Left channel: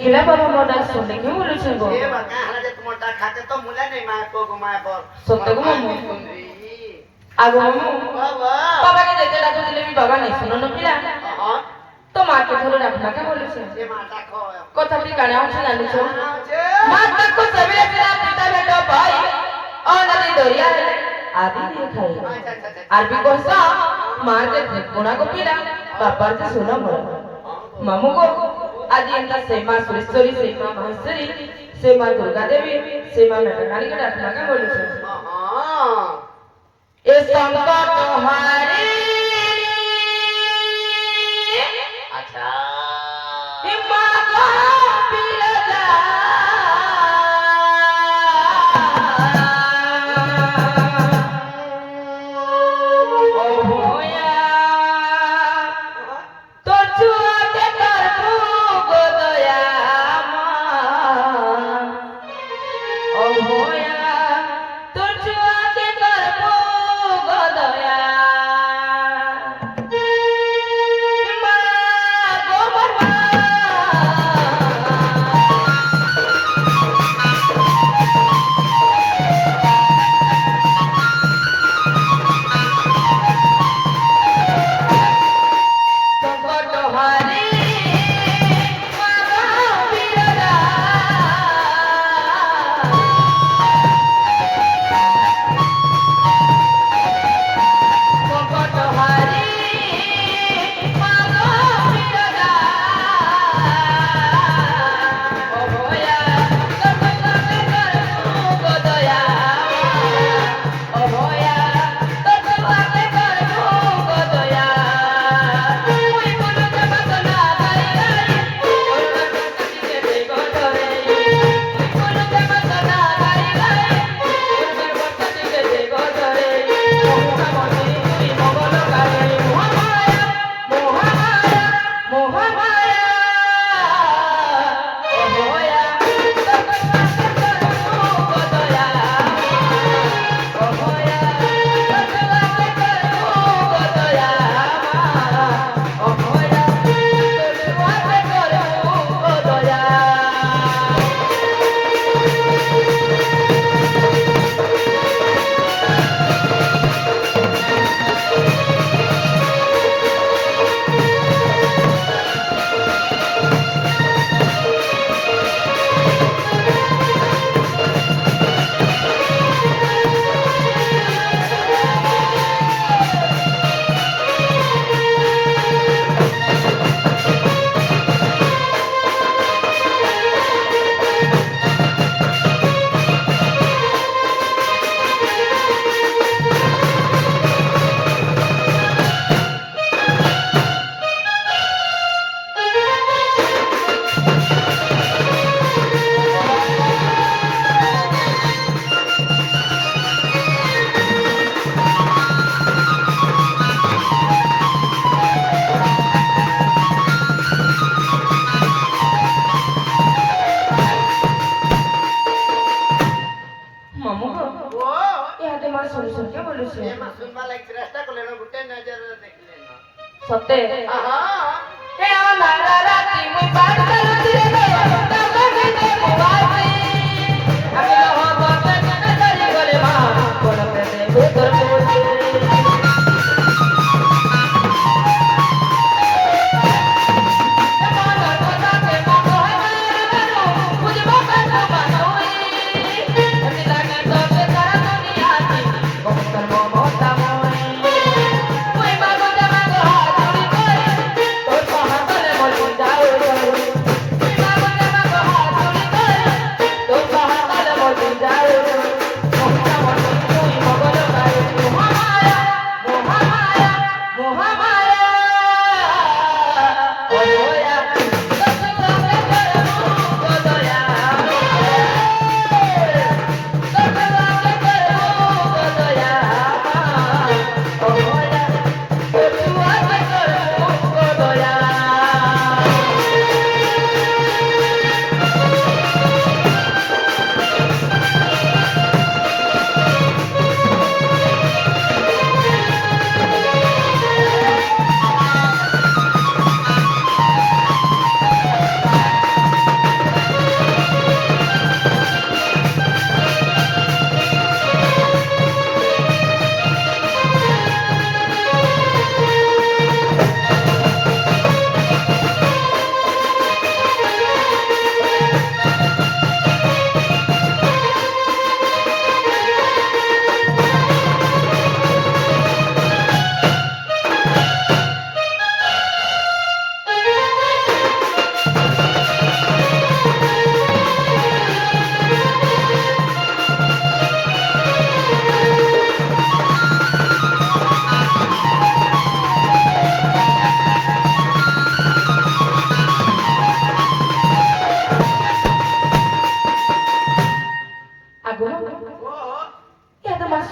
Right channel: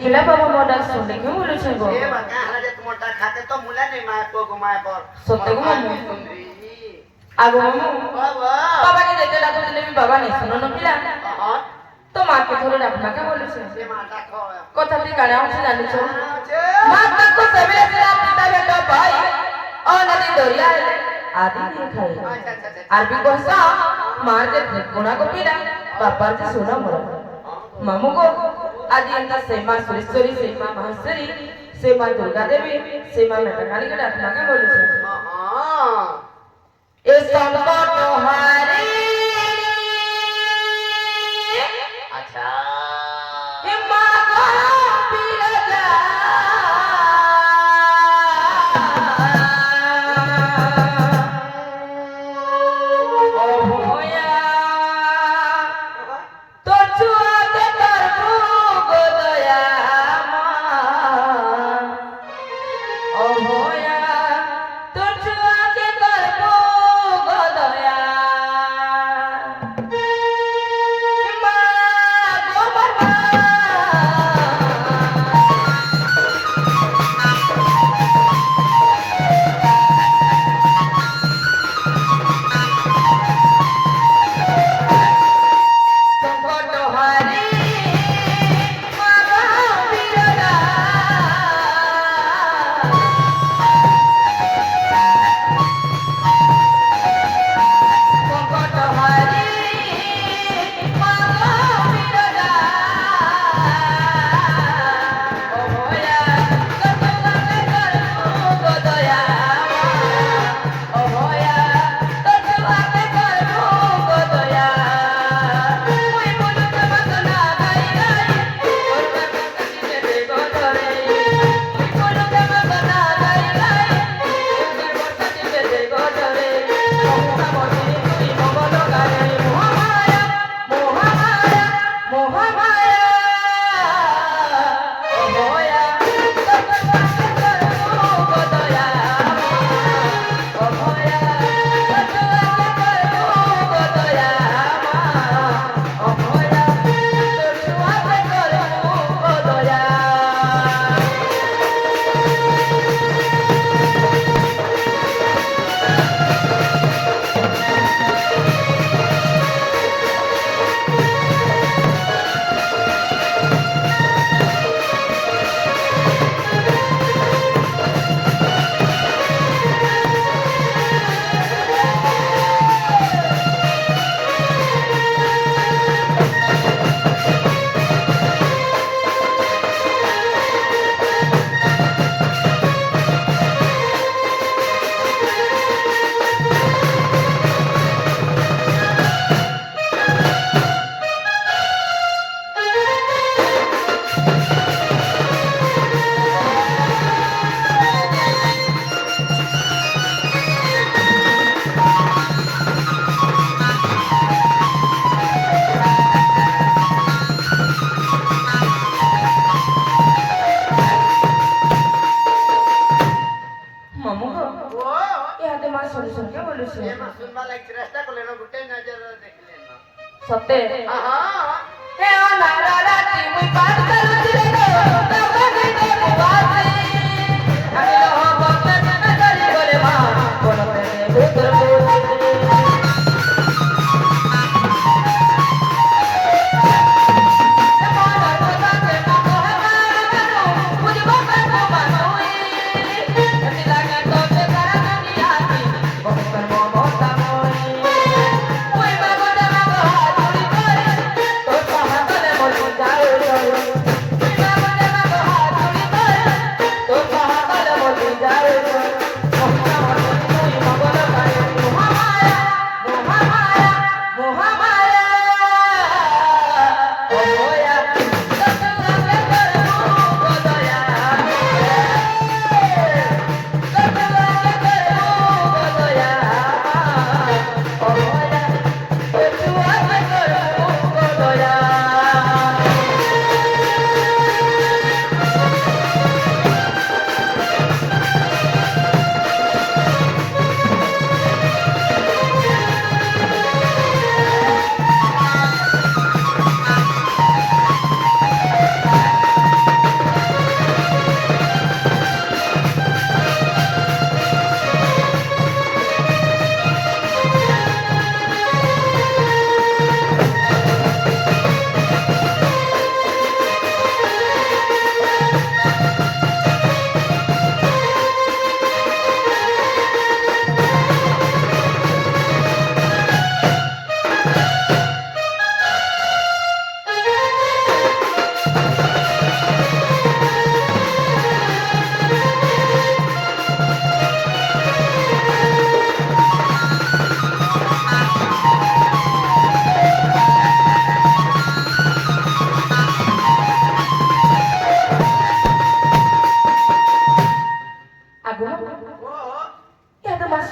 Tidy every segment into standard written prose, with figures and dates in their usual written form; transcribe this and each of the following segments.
हिला बाबा मोटा सोने के बोले छे गो ए बका हला जे मोटा खाते तो मुला नहीं माय को घुमाए पर सत्य को मम्मी आगो मम्मी बाबा बाबा के देते डाको दिले भी बाबा नहीं सुनो न पिला हां तो मां के थोड़ा डाकना के बोले छे ए माता खो কথা টি গানে আছে জানি ছো মাতা को सबेरे से रात पिता बेटा भाई और नदी दरिया आदि नहीं खाई आरबी कोसा मार के गुना को पिला पापा से सुना मोर मामू को आज इनका सेमा सुरेश्वरी सेमा माहेश्वरी सेमा दुर्गा देवी सेमा मेटाकाली के डाकना के बोले छे हां ए संकट हारी अच्छा ए मां को बिरजा ओ होया তোর চুয়াতে তোর গো দয়া মা ও হোয়া তোর চুয়াতে তোর গো দয়া মা গো বাবা সংকট হারি মা বিরজা সংকট হারি মা বিরজা ও ভয়া তোমাকে করব দয়া ও ভয়া তোমাকে করব দয়া ওই মনকে বাসনা গাই গাই ওই কাটিকে বেগটরে ওই মনকে বাসনা গাই গাই ওই কাটিকে বেগটরে মোহামতি তুই মগল গারে মোহামায়া মোহামায়া মোহামায়া ও ভয়া তোমাকে করব দয়া ও ভয়া তোমাকে করব দয়া ও ভয়া তোমাকে করব দয়া মামু গো ओ ইয়াতে মা শুনি শুনি কে বলেছে ए मा सुनवा लाइक रास्ता को लेनो गुटे नजर देख लेना সত্যি हां হে অনারা রাতি মুই পাঠ করুছি রে গো তার কাছে মুবাসি আমি লহ বতে না করি গলে মা কোন প্রেমে ভূতর ভূতি Bye.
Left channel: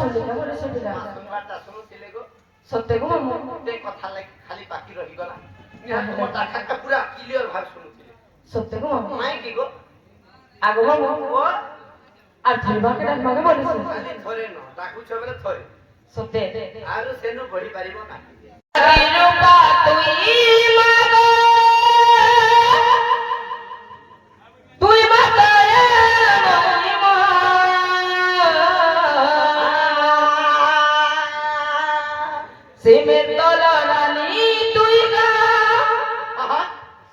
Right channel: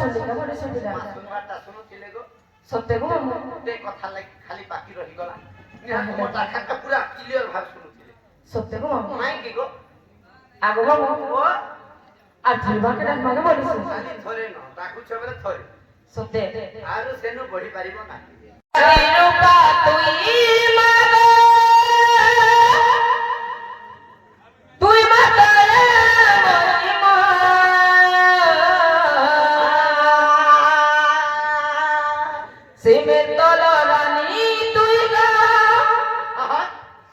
ଶୁଣିଲା ଗୋଟେ ଶୁଣିଲା ଶୁଣିବାଟା ଶୁଣୁଥିଲେ ଗୋ ସତ୍ୟ ଗো ମାମୁ ଗୋଟେ କଥା ଲାଗି ଖାଲି ବାକି ରହିଗଲା ନିହାତି ମୋ ଡାକାଟା ପୁରା କ୍ଲିୟର ଭାବେ ଶୁଣୁଥିଲେ ସତ୍ୟ ଗো ମାମୁ କାହିଁକି ଗୋ ଆଗ ମାମୁ ଓ আর ধরিবাকে ডাকবাকে বলিস ଖାଲି ଥରେ ନ ଡାକୁଛ ବେଲେ ଥରେ সত্যি ଆରୁ ସେନୁ ବଢି ପାରିବ ନାହିଁ রূপা তুই মাগো তুই মাতরে মহিমা সিমের তলরানি তুই গা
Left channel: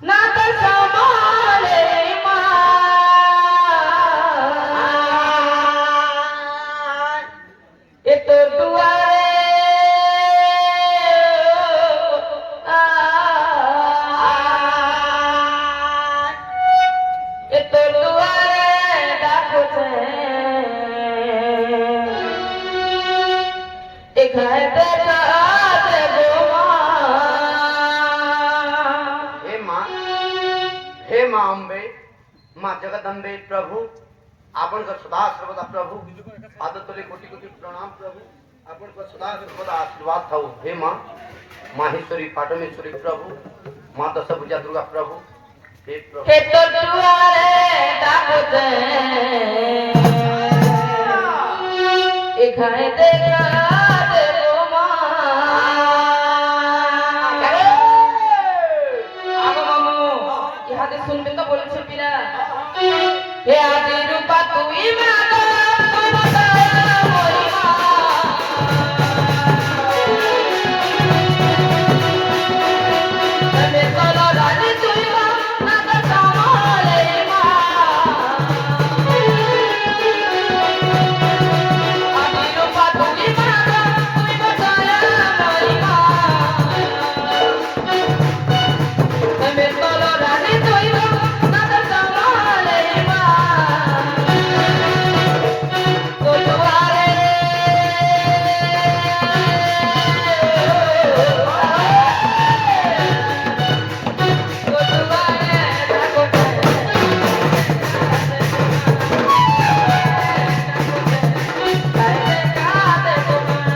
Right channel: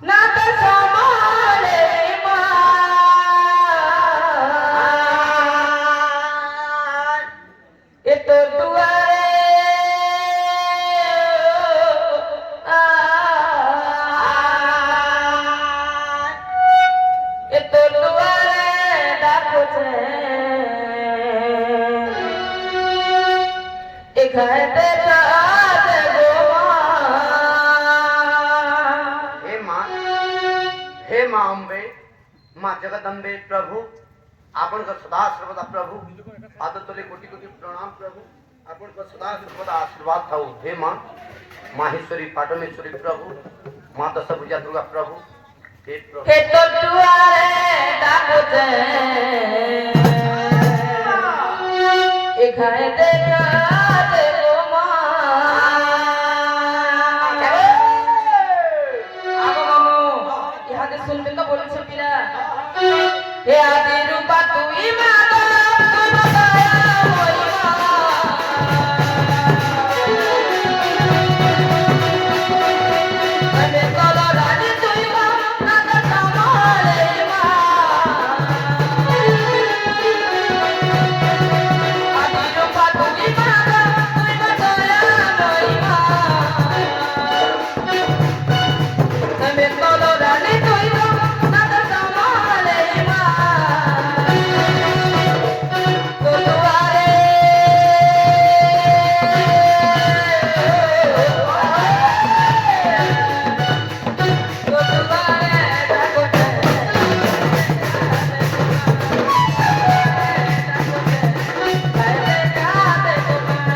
না তো সমালে মা এ তোর দুয়ারে এ তোর দুয়ারে ডাকছে এখানে দেখাতে গো हे माँ अम्बे माँ जगदम्बे प्रभु आपण का सदा सर्वदा प्रभु पाद तले कोटि कोटि प्रणाम प्रभु आपण का सदा सर्वदा आशीर्वाद थाऊ हे माँ माहेश्वरी पाटमेश्वरी प्रभु माँ दशभुजा दुर्गा प्रभु हे प्रभु হে তোর দুয়ারে ডাকছে এখানে দেখাতে গো মা আগো মামু ইহাতে শুনবেন তো বলছে পিরা হে আদি রূপা তুই মাগো তুই মাতা মহিমা আমি তলরানি তুই মা না তো সমালে মা আদি রূপা তুই মাগো তুই মাতা মহিমা আমি তলরানি তুই মা না তো সমালে মা তোর দুয়ারে তোর দুয়ারে ডাকছে দেখাতে গো মা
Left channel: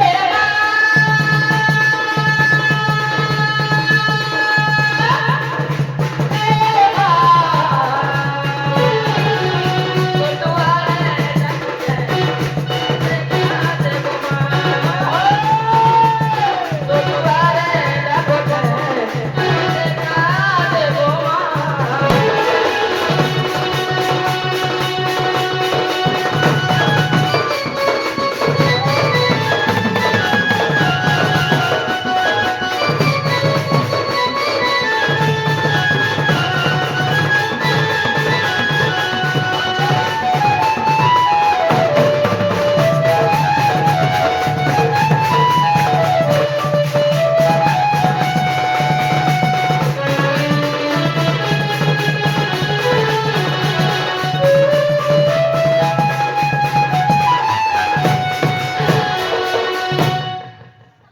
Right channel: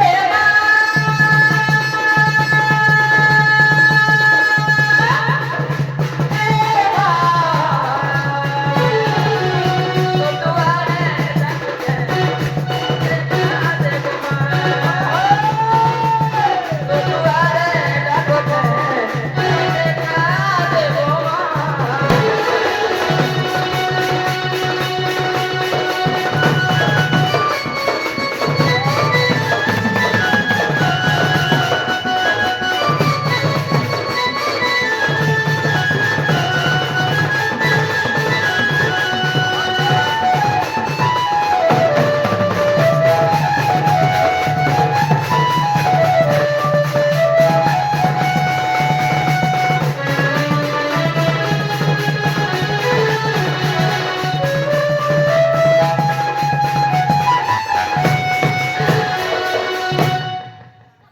হে মা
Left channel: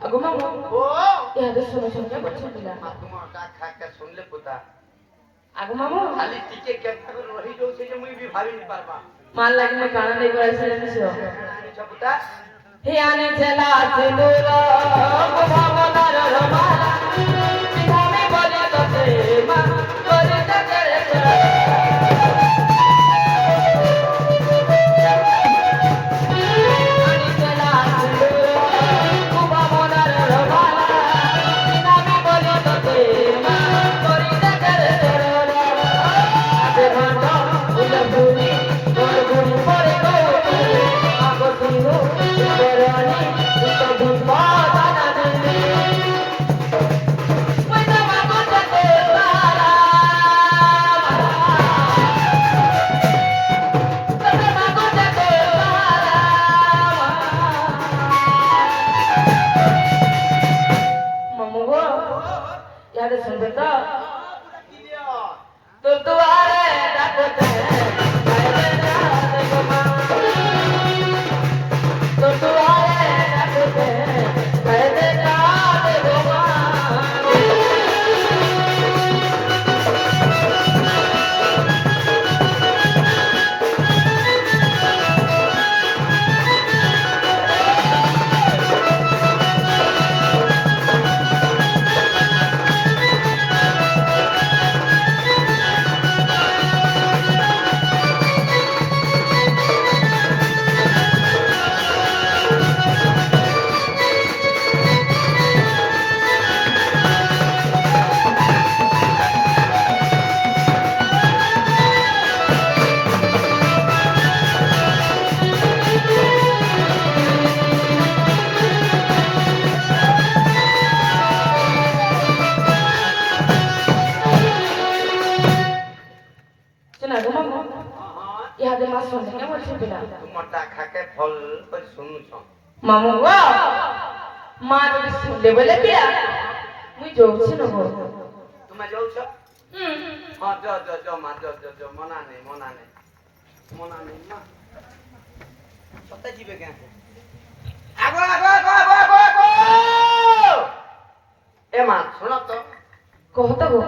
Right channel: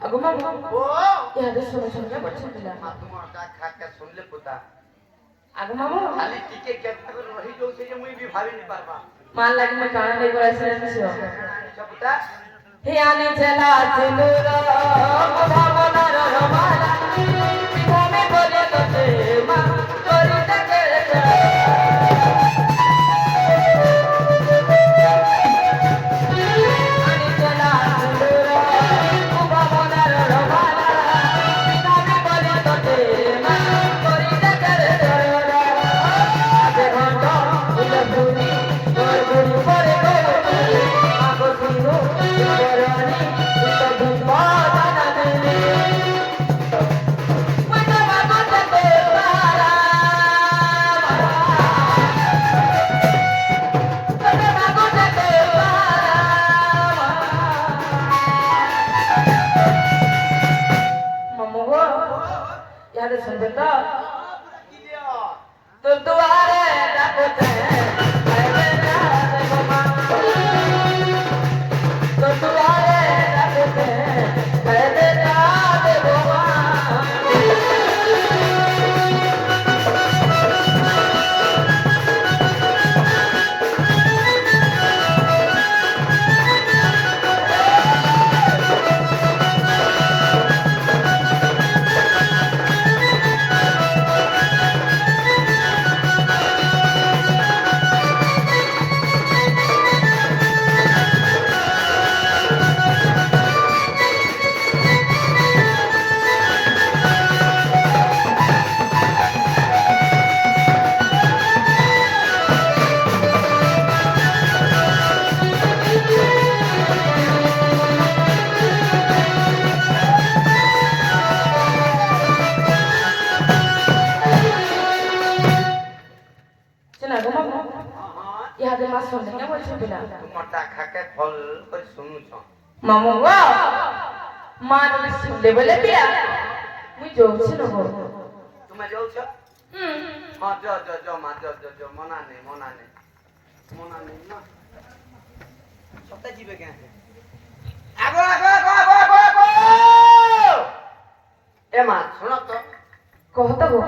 আগো মামু ओ ইহাতে শুনে শুনে বলছে পিলা माँ तुम का खा के सुन ले पुता আগো মামু खाली टिके केतना रही जो से मुई भी भाभी नहीं पारबा মান লাগি মই কানা নেই বলাইছিলাম নিছো अच्छा पुता হে আনি জেলা চুলোর ভাবনার রমালা তুমি বলে তোতে মা করি থাকে আনি জেলা চুলোর ভাবনার রমালা তুমি বলে তোতে মা করি থাকে আগে ঘন্ট উলে ভুলি তোর ভুলি পরে গো আগো শুনো করনি তো ধুপা দানা দিনি ওই তো মাগো যেতে পারা তোর মাগো যেতে পারা মামু গো ইয়ারে শুনবে তো पूरा क्लियर তোর দুয়ারে ডাকছে না গো মামু ইহাদে মা শুনতে কেমন ছিল তোমারটা খাকে ফল করে শুনুছ মামু গো মা যদি শুনলে বলে পিয়া মুই যাচ্ছি না গো তুমি যাচ্ছ হুম হ্যাঁ যাও মা যাও মনা নেই মা কোথায় যাবে কেন আগো এ মা শোনো তো কহতা গো